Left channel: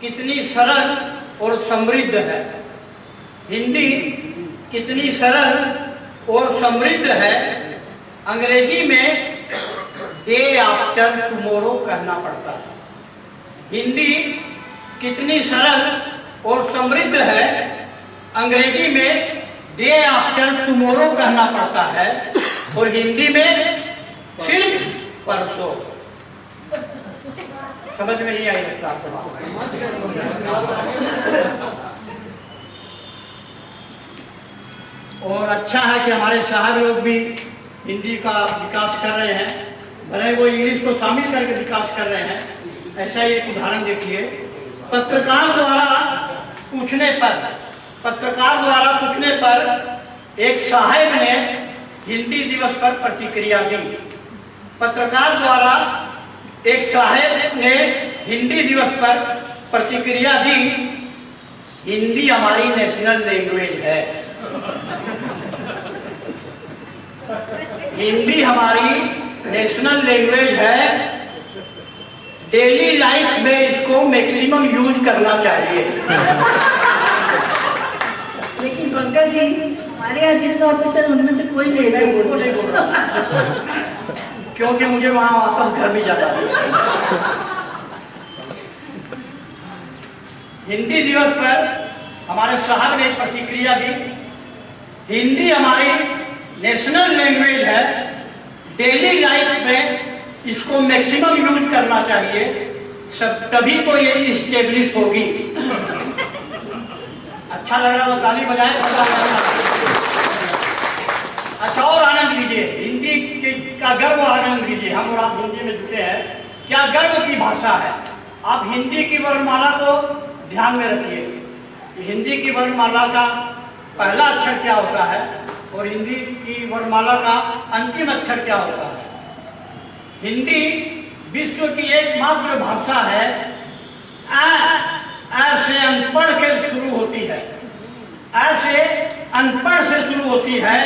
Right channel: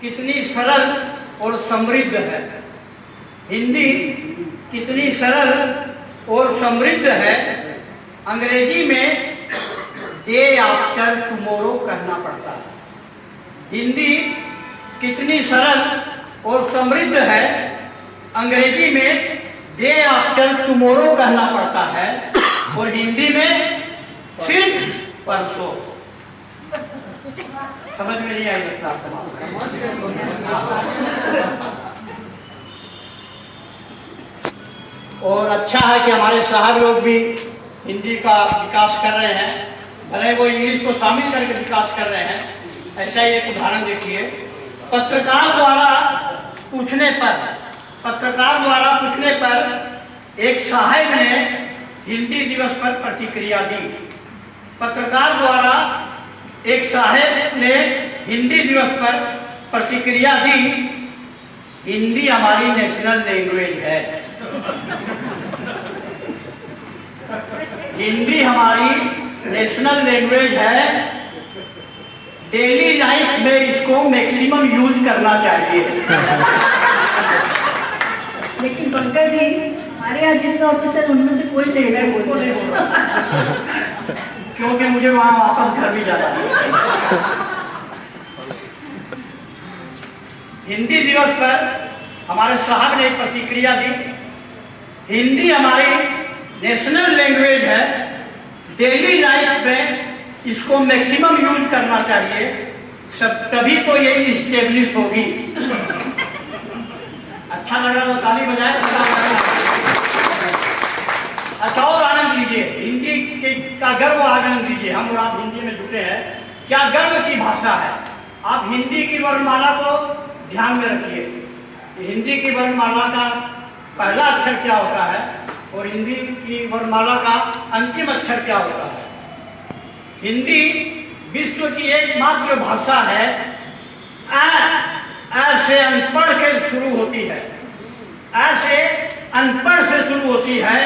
कितनी सरल और समृद्ध है। हिंदी कितनी सरल और समृद्ध है। अंग्रेजी में डे आफ्टर टुमारो कहना पड़ता है। हिंदी कितनी सरल और समृद्ध है। अंग्रेजी में डे आफ्टर टुमारो कहना पड़ता है और हिंदी में सिर्फ परसों। समझ में नहीं आई लगता आपको। और अच्छा है कि हमारे साहब लोग भी हिंदी का विकास कर रहे हैं, भले वो इंग्लिश को शामिल करके विकास कर रहे हैं। ऐसा ही एक उदाहरण देखिए। पत्रकार द्वारा पूछने पर एक साहब ने हिंदी दिवस पर प्रतिक्रिया दी। पत्रकार द्वारा एक साहब ने हिंदी दिवस पर प्रतिक्रिया दी। हिंदी हमारी नेशनल लैंग्वेज है। हिंदी हमारी नेशनल लैंग्वेज है। डेली लाइफ में इसको मैक्सिमम यूज करना चाहिए। लेकिन पंकज जी, हमारे यहाँ जितने ऑफिसर उनमें से कोई नहीं है। उनको नहीं बोल रहा क्योंकि मुझे वहां वापस घर भी जाना है। हिंदी दिवस पर हमारे साहब ने एक प्रतिक्रिया दी। हिंदी हमारी नेशनल लैंग्वेज है। डेली लाइफ में इसको मैक्सिमम यूज करना चाहिए, सब तभी तो ये इस्टेब्लिश होगी। अच्छा लगा तो ताली बजाए। अच्छा, और आनंद लीजिए, हिंदी का गर्व आनंद लीजिए। हम और आप हिंदी में जुटे हैं, क्या गर्व की भाषा है। आप हिंदी की वर्णमाला को ध्यान में रखिए। हिंदी की वर्णमाला का पहला अक्षर क्या होता है और हिंदी की वर्णमाला का अंतिम अक्षर क्या होता है। हिंदी विश्व की एकमात्र भाषा है। ऐसे अनपढ़ से शुरू होती है, ऐसे अनपढ़ से शुरू होती है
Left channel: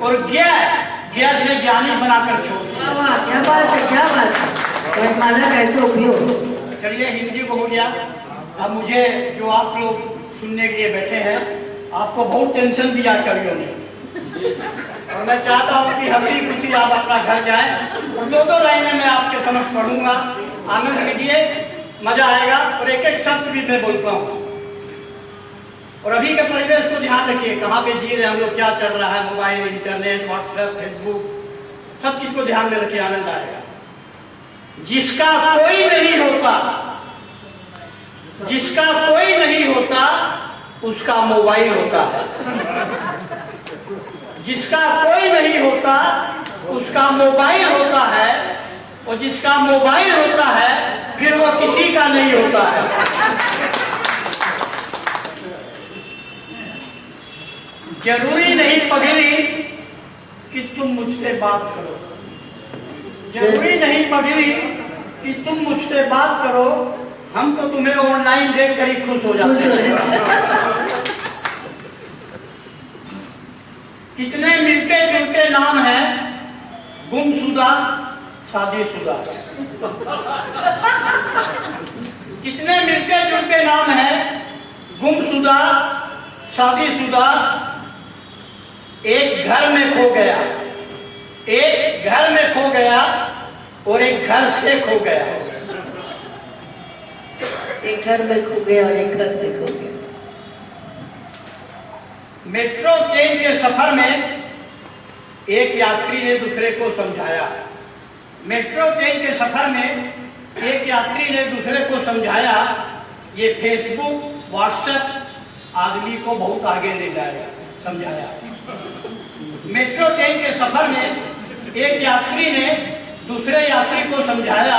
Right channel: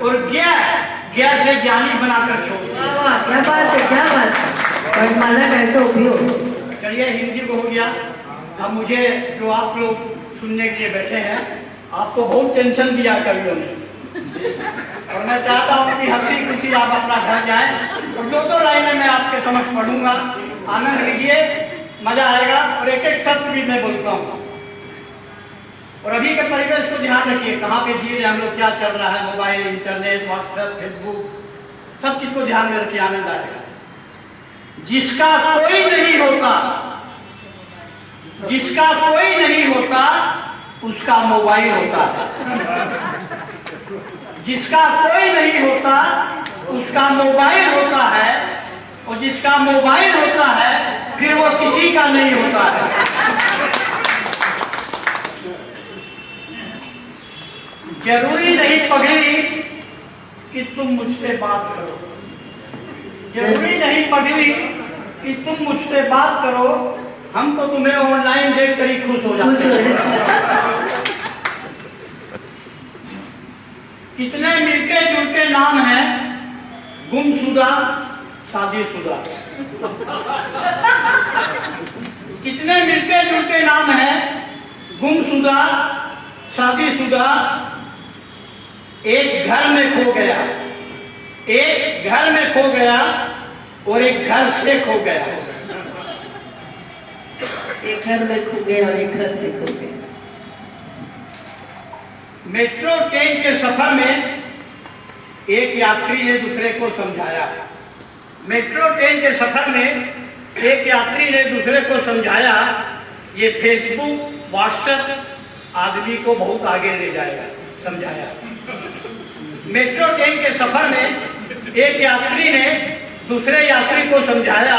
और ज्ञान से ज्ञानी बनाकर छोड़ती है। क्या बात है, क्या बात है। वर्णमाला कैसे उपयोग। चलिए, हिंदी को हो गया। अब मुझे जो आप लोग सुनने के लिए बैठे हैं, आपको बहुत टेंशन दिया कवियों ने, और मैं चाहता हूं कि हंसी खुशी आप अपना घर जाएं और दो लाइनें मैं आपके समझ पढ़ूंगा। आनंद लीजिए, मजा आएगा। और एक एक शब्द भी मैं बोलता हूं। और अभी के परिवेश को ध्यान रखिए, कहाँ पे जी रहे हम लोग, क्या चल रहा है, मोबाइल, इंटरनेट, व्हाट्सएप, फेसबुक, सब चीज को ध्यान में रखिए। आनंद आएगा। जिसका कोई नहीं होता, जिसका कोई नहीं होता उसका मोबाइल होता है। जिसका कोई नहीं होता उसका मोबाइल होता है, और जिसका मोबाइल होता है फिर वो किसी का नहीं होता है। जरूरी नहीं पगली कि तुम मुझसे बात करो। जरूरी नहीं पगली कि तुम मुझसे बात करो। हम तो तुम्हें ऑनलाइन देखकर ही खुश हो जाते हैं। कितने मिलते जुलते नाम हैं, गुमशुदा, शादीशुदा। कितने मिलते जुलते नाम हैं, गुमशुदा, शादीशुदा। एक घर में खो गया, एक घर में खो गया और एक घर से खो गया। एक घर में खो गया और एक घर से खो गया। मेट्रो ट्रेन के सफर में एक यात्री ने दूसरे को समझाया। मेट्रो ट्रेन के सफर में एक यात्री ने दूसरे को समझाया, ये फेसबुक, व्हाट्सएप आदमी को बहुत आगे ले जाएगा। समझाया। मेट्रो ट्रेन के सफर में एक यात्री ने दूसरे यात्री को समझाया,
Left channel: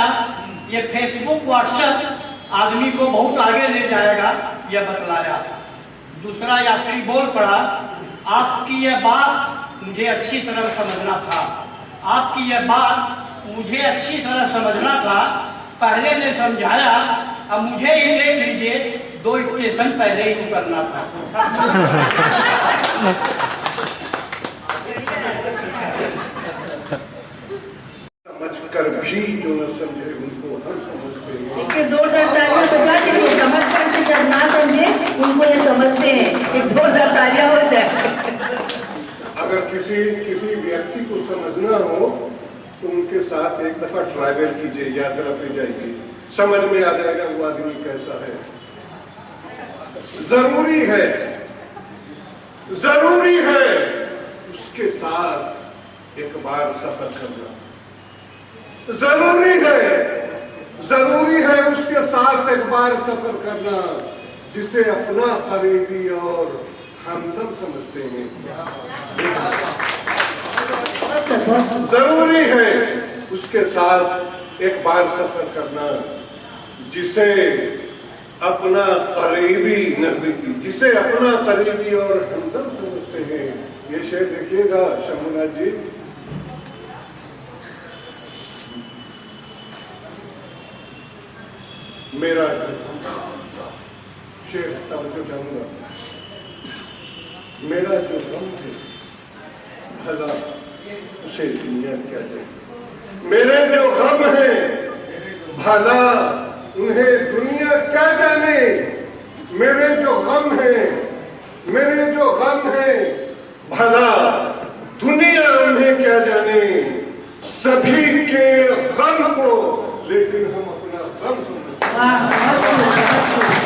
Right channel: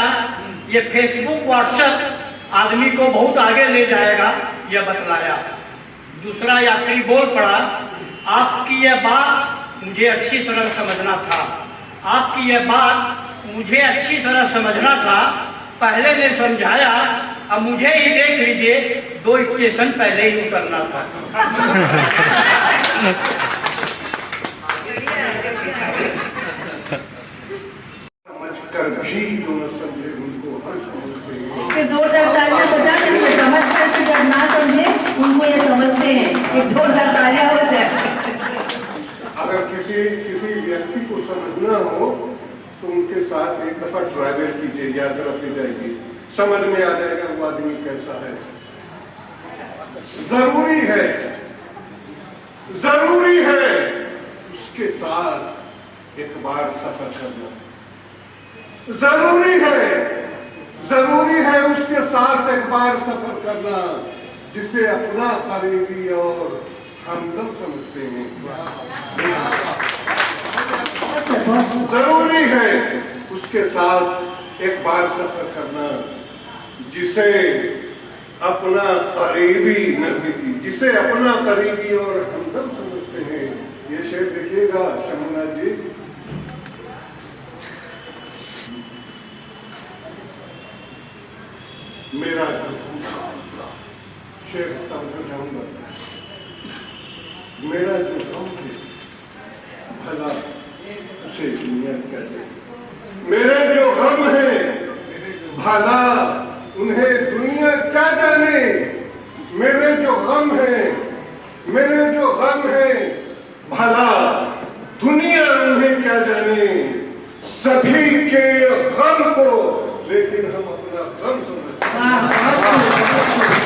ये फेसबुक, व्हाट्सएप आदमी को बहुत आगे ले जाएगा, यह बतलाया। दूसरा यात्री बोल पड़ा, आपकी यह बात मुझे अच्छी तरह समझना था। आपकी यह बात मुझे अच्छी तरह समझना था। पहले ने समझाया, अब मुझे ही देख लीजिए, 2 स्टेशन पहले ही उतरना था। समझकर भी जो न समझे उनको हर समझ जोरदार तालियां बजा दीजिए। किसी व्यक्ति को समझना हो तो उनके साथ एक दफा ट्रैवल कीजिए, यात्रा पे जाइए, समझ में आ जाएगा वो आदमी कैसा है। जरूरी है उसके साथ एक बार सफर करना। जरूरी है उसके साथ एक बार सफर करना जिसे अपना करीबी और हमदम समझते हैं। जरूरी है उसके साथ एक बार सफर करना जिसे अपना करीबी नजदीकी, जिसे अपना करीबी और हमदम समझते हैं। ये शेर देखिएगा शंभुनाथ जी। मेरा शेर तवज्जो चाहूंगा। मेरा जो गम है भला उसे दुनिया क्या दे। मेरे जो गम है भला उन्हें दुनिया क्या जाने। मेरे जो गम है भला दुनिया उन्हें क्या जाने। सभी के गम को लेकिन हम अपना गम समझते हैं।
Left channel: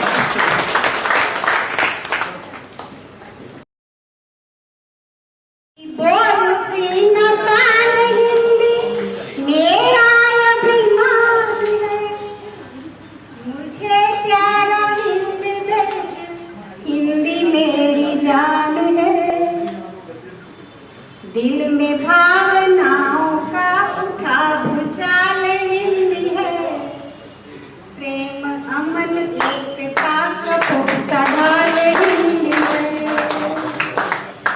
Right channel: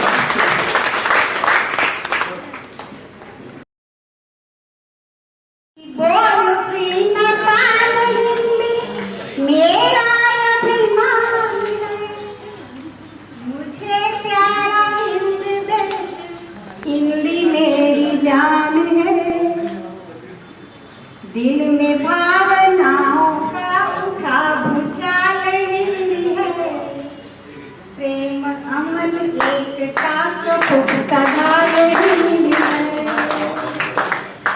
दिल में भावनाओं का उठा भूचाल हिंदी है। प्रेम अमन एकता का ढाल हिंदी है।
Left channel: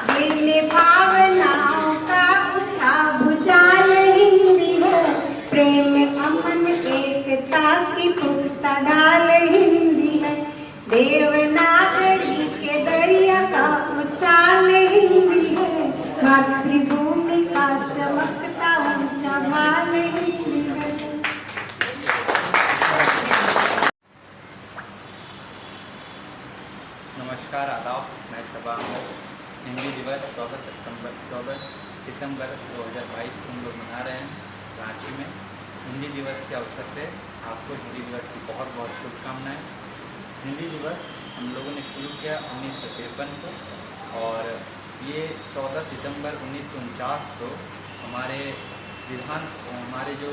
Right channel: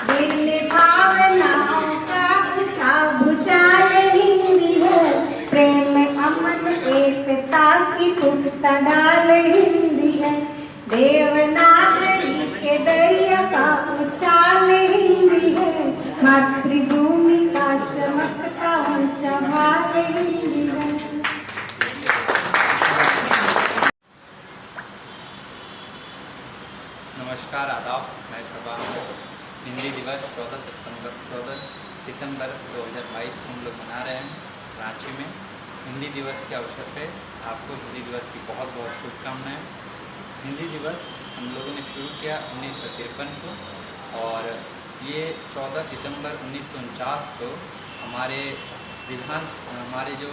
दिल में भावनाओं का उठा भूचाल हिंदी है। प्रेम अमन एकता की पुख्ता ढाल हिंदी है। देवनागरी के दरिया का उछाल हिंदी है। मातृभूमि का चमकता ऊंचा भाग हिंदी है। नमस्कार, आदाब। मैं सबा अहमद। हिंदी दिवस 14 सितंबर 2022 हम लोग मना रहे हैं रांची में। हिंदी दिवस के अवसर पे आपको हिंदी दिवस की बहुत बहुत शुभकामनाएं। हिंदी दिवस हम लोगों ने शुरू किया 1953 को और ये 14 सितंबर 1949 को हमारे जो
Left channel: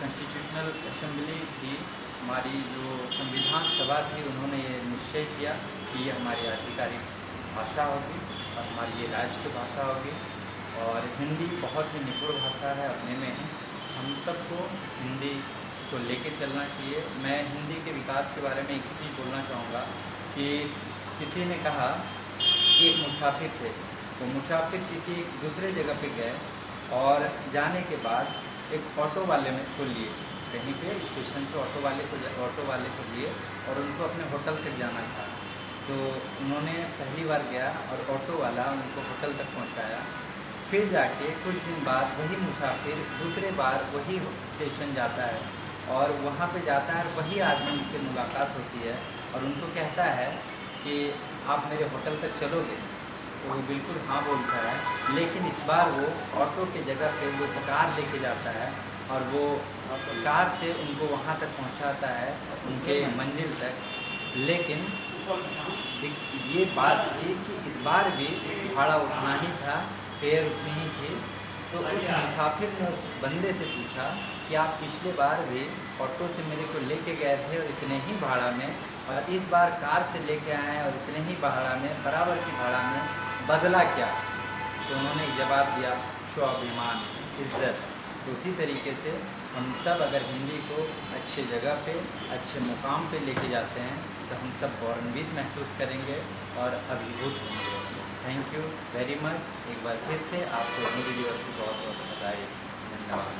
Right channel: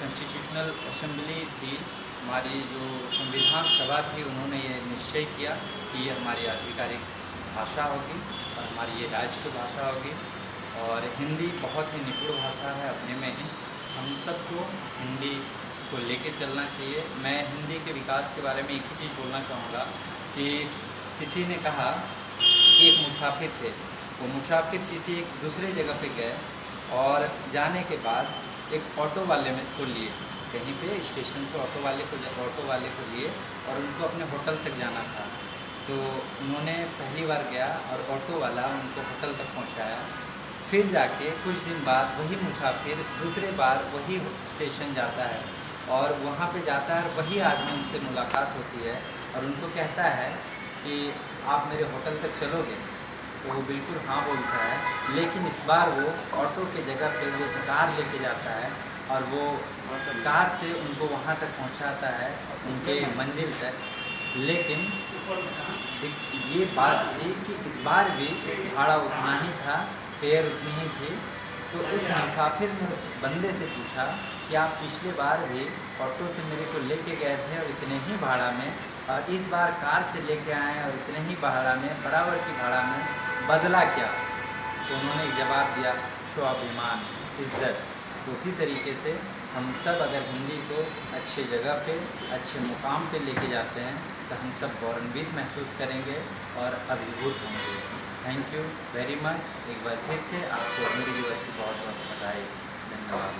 कॉन्स्टिट्यूशनल असेंबली थी, हमारी जो संविधान सभा थी, उन्होंने ये निश्चय किया कि ये हमारी आधिकारिक भाषा होगी और हमारी ये राष्ट्र भाषा होगी। और हिंदी बहुत ही निपुण भाषा है अपने में ही। हम सबको हिंदी को लेके चलना चाहिए। मैं हिंदी के विकास के बारे में एक ही चीज़ बोलना चाहूँगा कि किसी ने कहा कि एक मुसाफिर थे, वो मुसाफिर किसी एक दूसरे जगह पे गए और जाने के बाद एक ऑटो वाले में को लिए, कहीं पे स्टेशन से ऑटो वाले को लिए और उनको अपने होटल तक जाना था। तो उन्होंने पहली बार गया और ऑटो वाला उनको होटल तक पहुंचाया। फिर जाके कुछ दिन बाद वही मुसाफिर दूसरे बार वही स्टेशन जाता है और वहाँ पे जाता है, वही आदमी उनसे मुलाकात होती है और उनको कहता है कि आप मेरे होटल तक चलोगे? तो वो बिल्कुल हाँ बोलता है, लेकिन इस बार वो ऑटो के जगह पे वो कार लेके जाता है और वो कार से उनको वहाँ तक पहुँचाता है, उनके मंजिल तक। लेकिन ये बात थी कि इस बार भी भाड़ा उतना ही था, फेयर उतनी ही थी। तो उस मुसाफिर ने उस बंदे से पूछा कि आप पिछले बार भी ऑटो से मेरे को लेके गए थे और इतने ही भाड़ा में, और इस बार कार से लेके आए और इतने ही भाड़ा में, बराबर की भाड़ा में, बदला क्या? तो उन्होंने जवाब दिया, स्वाभिमान, इज्जत। तो उसी तरीके से हम सब अगर हिंदी को अच्छे जगह पे, अच्छे मुकाम पे लेके जाते हैं तो हम सब गौरवान्वित महसूस करेंगे और अभिभूत होंगे। Thank you very much. एक बार फिर से आपको हिंदी दिवस की बहुत बहुत बधाई। धन्यवाद।